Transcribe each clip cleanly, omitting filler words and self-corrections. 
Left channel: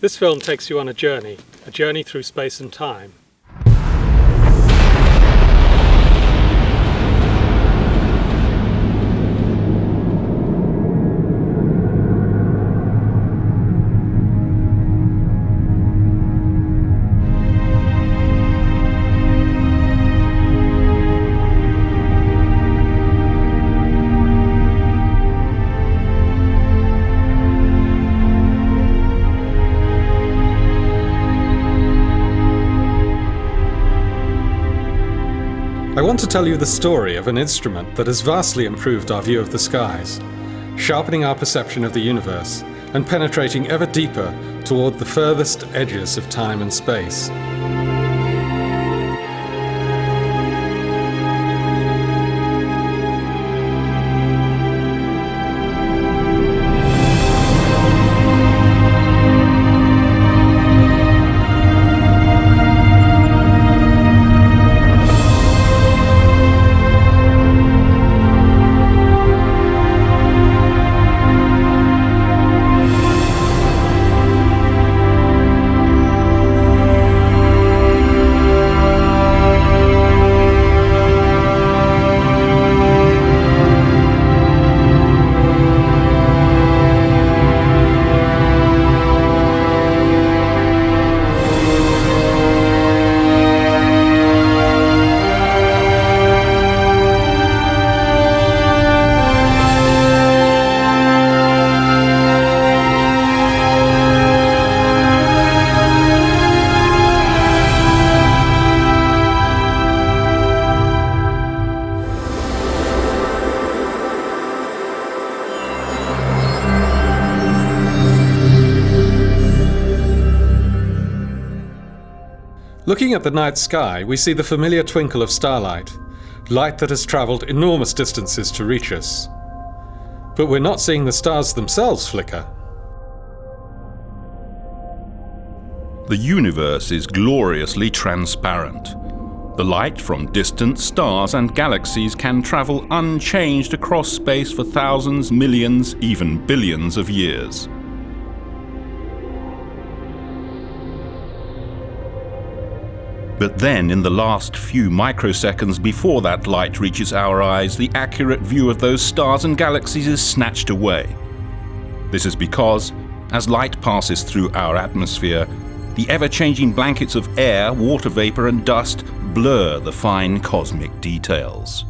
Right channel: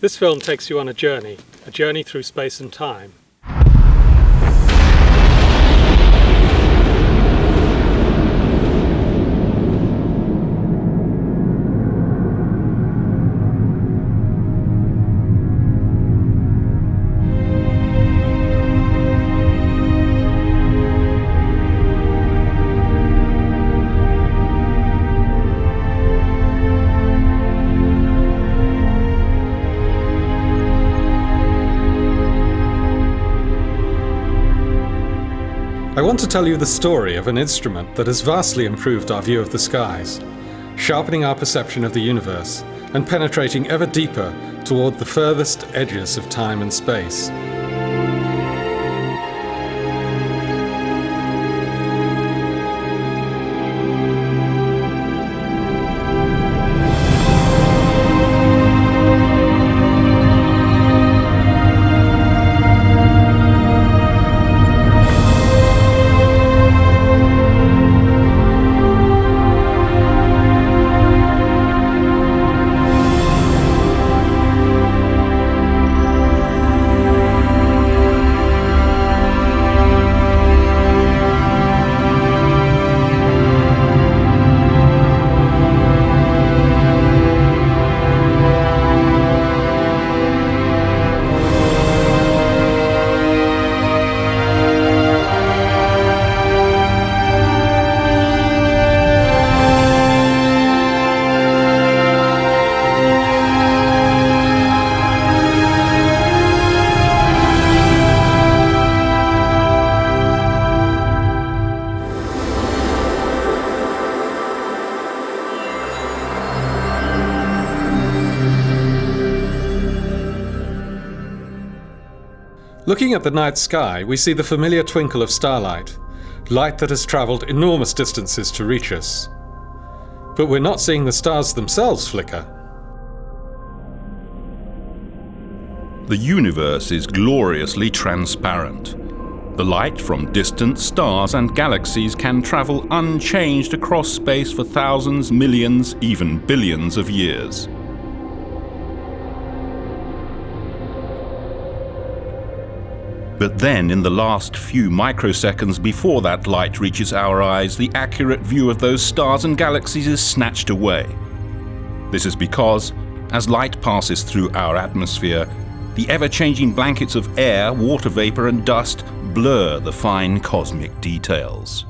This film takes you on a journey through space and time. I want to tell you the story of an instrument that has vastly improved our view of the skies, sharpening our perception of the universe and penetrating ever deeper toward the furthest edges of time and space. Looking at the night sky, we see the familiar twinkle of starlight, light that has travelled enormous distances to reach us. But we're not seeing the stars themselves flicker. The universe is gloriously transparent. The light from distant stars and galaxies can travel unchanged across space for thousands, millions, even billions of years. But then, in the last few microseconds before that light reaches our eyes, the accurate view of those stars and galaxies is snatched away. This is because, as light passes through our atmosphere, the ever-changing blankets of air, water vapor and dust blur the fine cosmic details.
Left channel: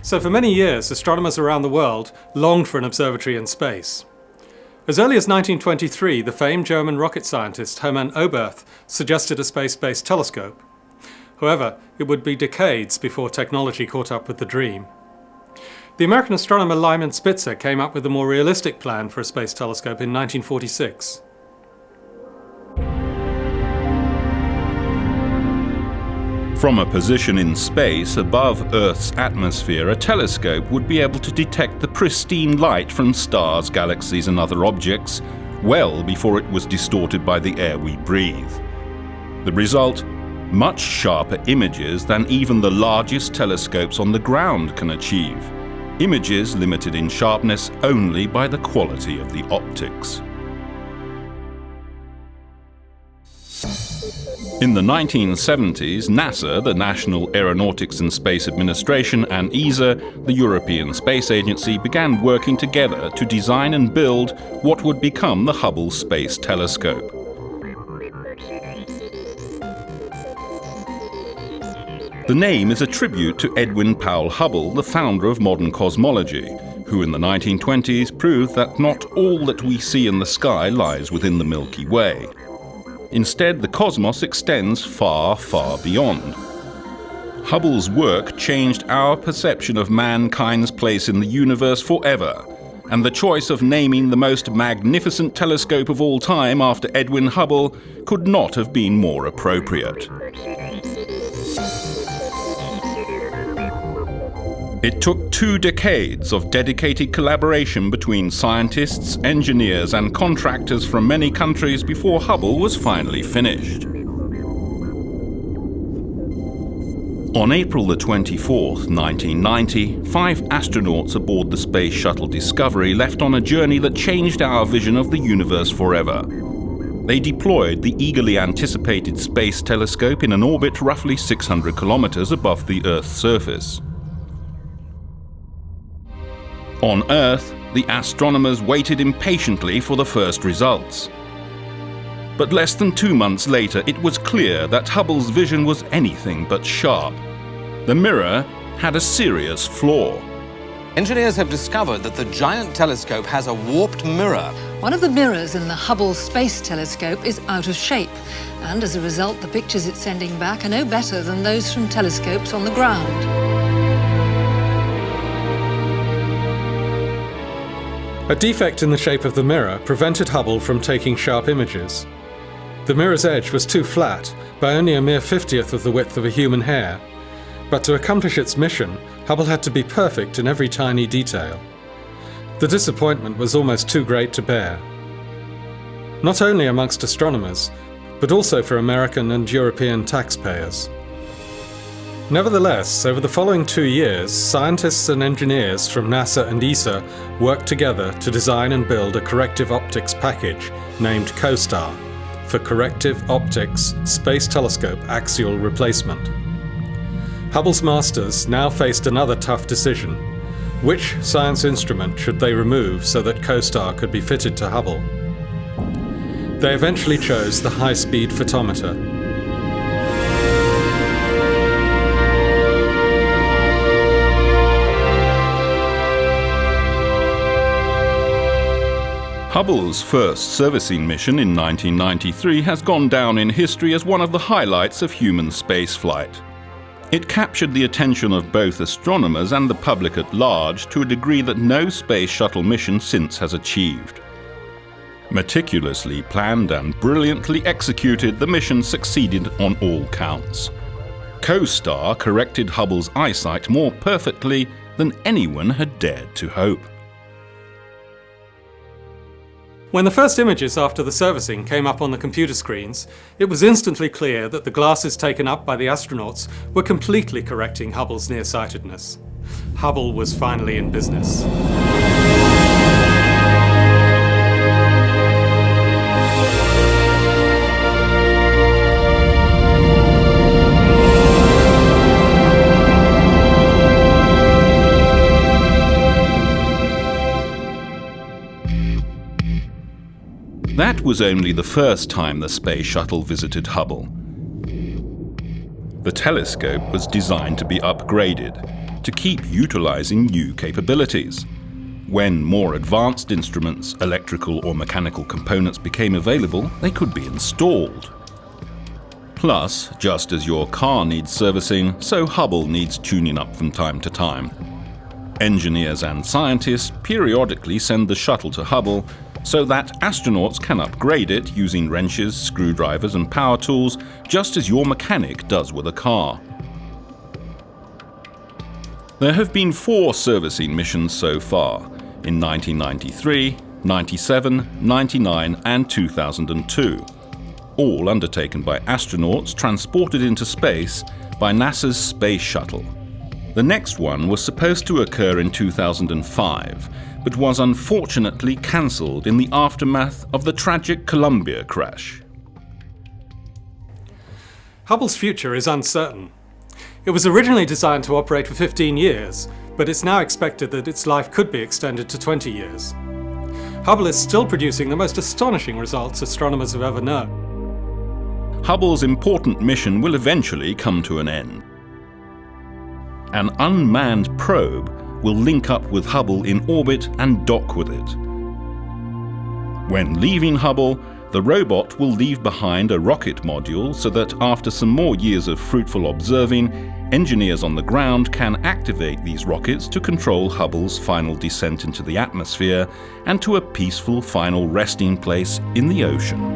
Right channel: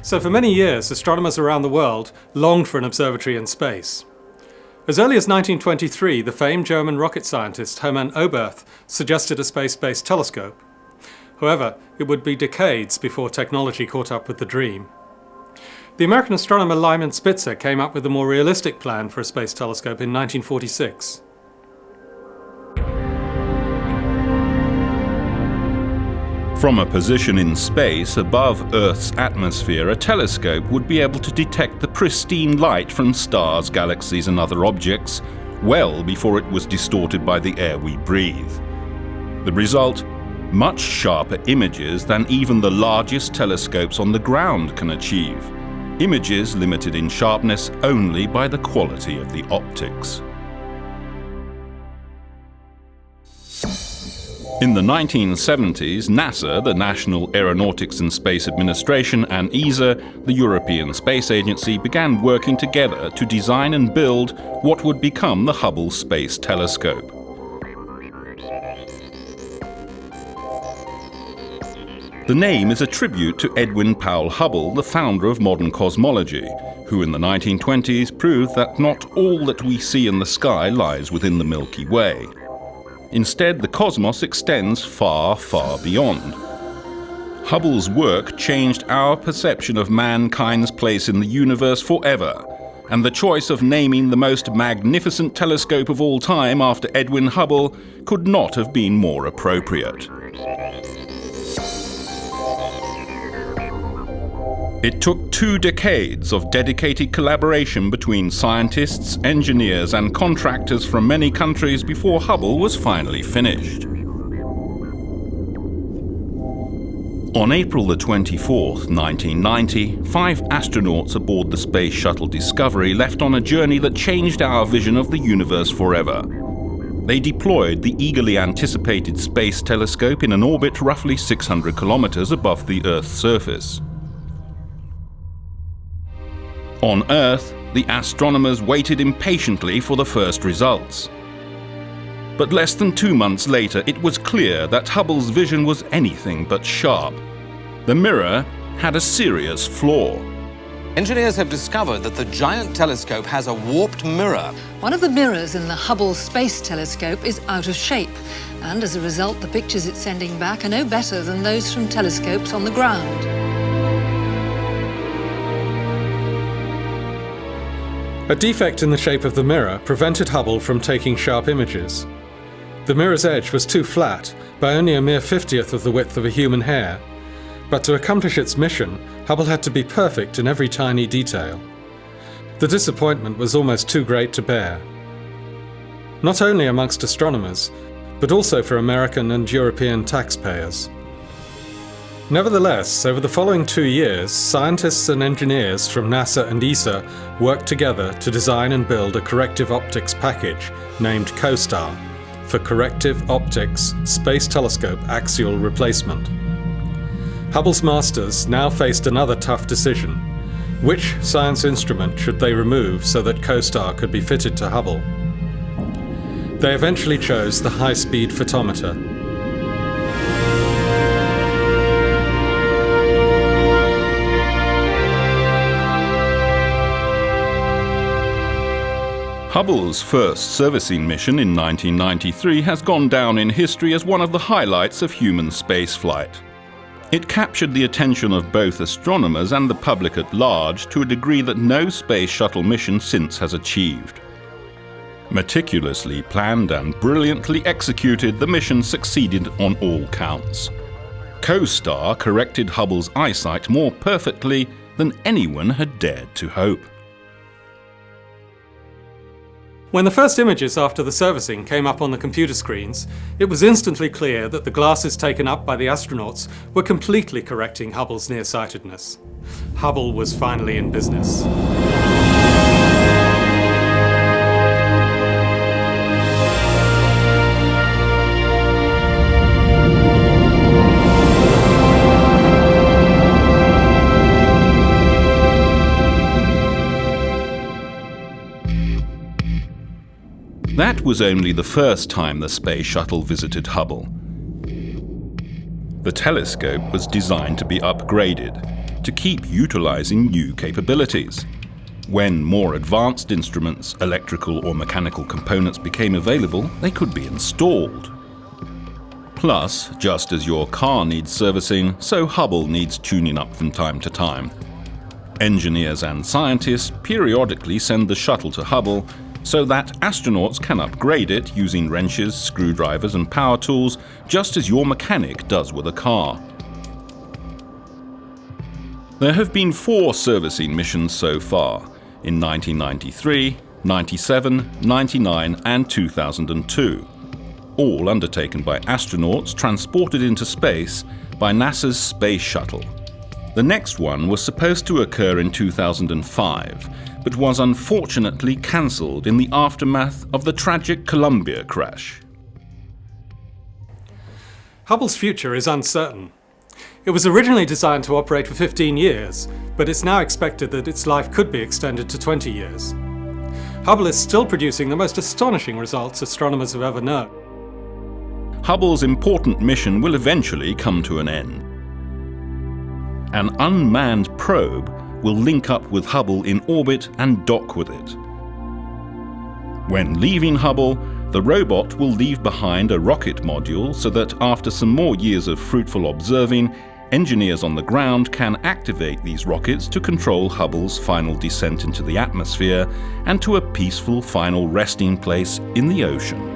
So for many years, astronomers around the world longed for an observatory in space. As early as 1923, the famed German rocket scientist Hermann Oberth suggested a space-based telescope. However, it would be decades before technology caught up with the dream. The American astronomer Lyman Spitzer came up with a more realistic plan for a space telescope in 1946. From a position in space above Earth's atmosphere, a telescope would be able to detect the pristine light from stars, galaxies and other objects well before it was distorted by the air we breathe. The result? Much sharper images than even the largest telescopes on the ground can achieve. Images limited in sharpness only by the quality of the optics. In the 1970s, NASA, the National Aeronautics and Space Administration, and ESA, the European Space Agency, began working together to design and build what would become the Hubble Space Telescope. The name is a tribute to Edwin Powell Hubble, the founder of modern cosmology, who in the 1920s proved that not all that we see in the sky lies within the Milky Way. Instead, the cosmos extends far, far beyond. Hubble's work changed our perception of mankind's place in the universe forever, and the choice of naming the most magnificent telescope of all time after Edwin Hubble could not have been more appropriate. It took 2 decades of dedicated collaboration between scientists, engineers and contractors from many countries before Hubble was finally finished. On April the 24th, 1990, 5 astronauts aboard the Space Shuttle Discovery left on a journey that changed our vision of the universe forever. They deployed the eagerly anticipated Space Telescope in an orbit roughly 600 kilometers above the Earth's surface. On Earth, the astronomers waited impatiently for the first results. But less than 2 months later, it was clear that Hubble's vision was anything but sharp. The mirror had a serious flaw. Engineers have discovered that the giant telescope has a warped mirror. One of the mirrors in the Hubble Space Telescope is out of shape, and as a result, the pictures it's sending back are no better than those from telescopes on the ground. A defect in the shape of the mirror prevented Hubble from taking sharp images. The mirror's edge was too flat, by only a mere 50th of the width of a human hair. But to accomplish its mission, Hubble had to be perfect in every tiny detail. The disappointment was almost too great to bear. Not only amongst astronomers, but also for American and European taxpayers. Nevertheless, over the following 2 years, scientists and engineers from NASA and ESA worked together to design and build a corrective optics package named COSTAR, for Corrective Optics Space Telescope Axial Replacement. Hubble's masters now faced another tough decision. Which science instrument should they remove so that COSTAR could be fitted to Hubble? They eventually chose the high-speed photometer. Hubble's first servicing mission in 1993 has gone down in history as one of the highlights of human spaceflight. It captured the attention of both astronomers and the public at large to a degree that no space shuttle mission since has achieved. Meticulously planned and brilliantly executed, the mission succeeded on all counts. COSTAR corrected Hubble's eyesight more perfectly than anyone had dared to hope. When the first images after the servicing came up on the computer screens, it was instantly clear that the glasses taken up by the astronauts were completely correcting Hubble's nearsightedness. Hubble was finally in business. That was only the first time the space shuttle visited Hubble. The telescope was designed to be upgraded, to keep utilizing new capabilities. When more advanced instruments, electrical or mechanical components became available, they could be installed. Plus, just as your car needs servicing, so Hubble needs tuning up from time to time. Engineers and scientists periodically send the shuttle to Hubble so that astronauts can upgrade it using wrenches, screwdrivers and power tools, just as your mechanic does with a car. There have been 4 servicing missions so far, in 1993, 97, 99 and 2002, all undertaken by astronauts transported into space by NASA's Space Shuttle. The next one was supposed to occur in 2005, but was unfortunately cancelled in the aftermath of the tragic Columbia crash. Hubble's future is uncertain. It was originally designed to operate for 15 years, but it's now expected that its life could be extended to 20 years. Hubble is still producing the most astonishing results astronomers have ever known. Hubble's important mission will eventually come to an end. An unmanned probe will link up with Hubble in orbit and dock with it. When leaving Hubble, the robot will leave behind a rocket module so that after some more years of fruitful observing, engineers on the ground can activate these rockets to control Hubble's final descent into the atmosphere and to a peaceful final resting place in the ocean.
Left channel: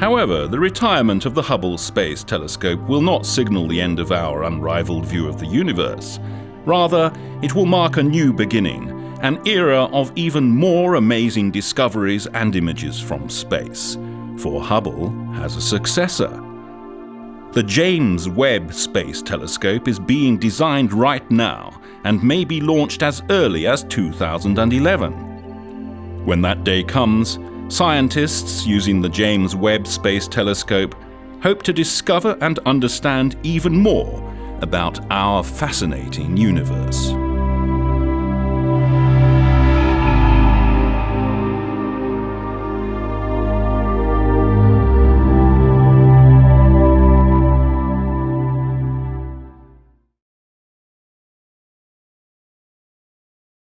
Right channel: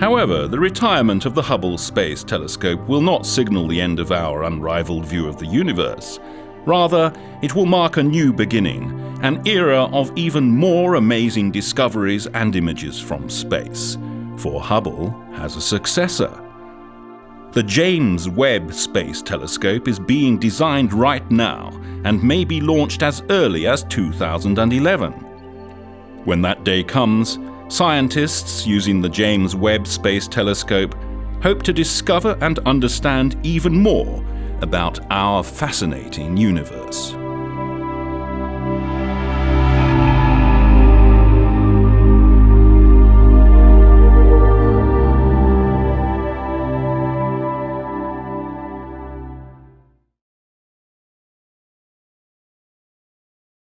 However, the retirement of the Hubble Space Telescope will not signal the end of our unrivaled view of the universe. Rather, it will mark a new beginning, an era of even more amazing discoveries and images from space. for Hubble has a successor. The James Webb Space Telescope is being designed right now and may be launched as early as 2011. When that day comes, scientists using the James Webb Space Telescope hope to discover and understand even more about our fascinating universe.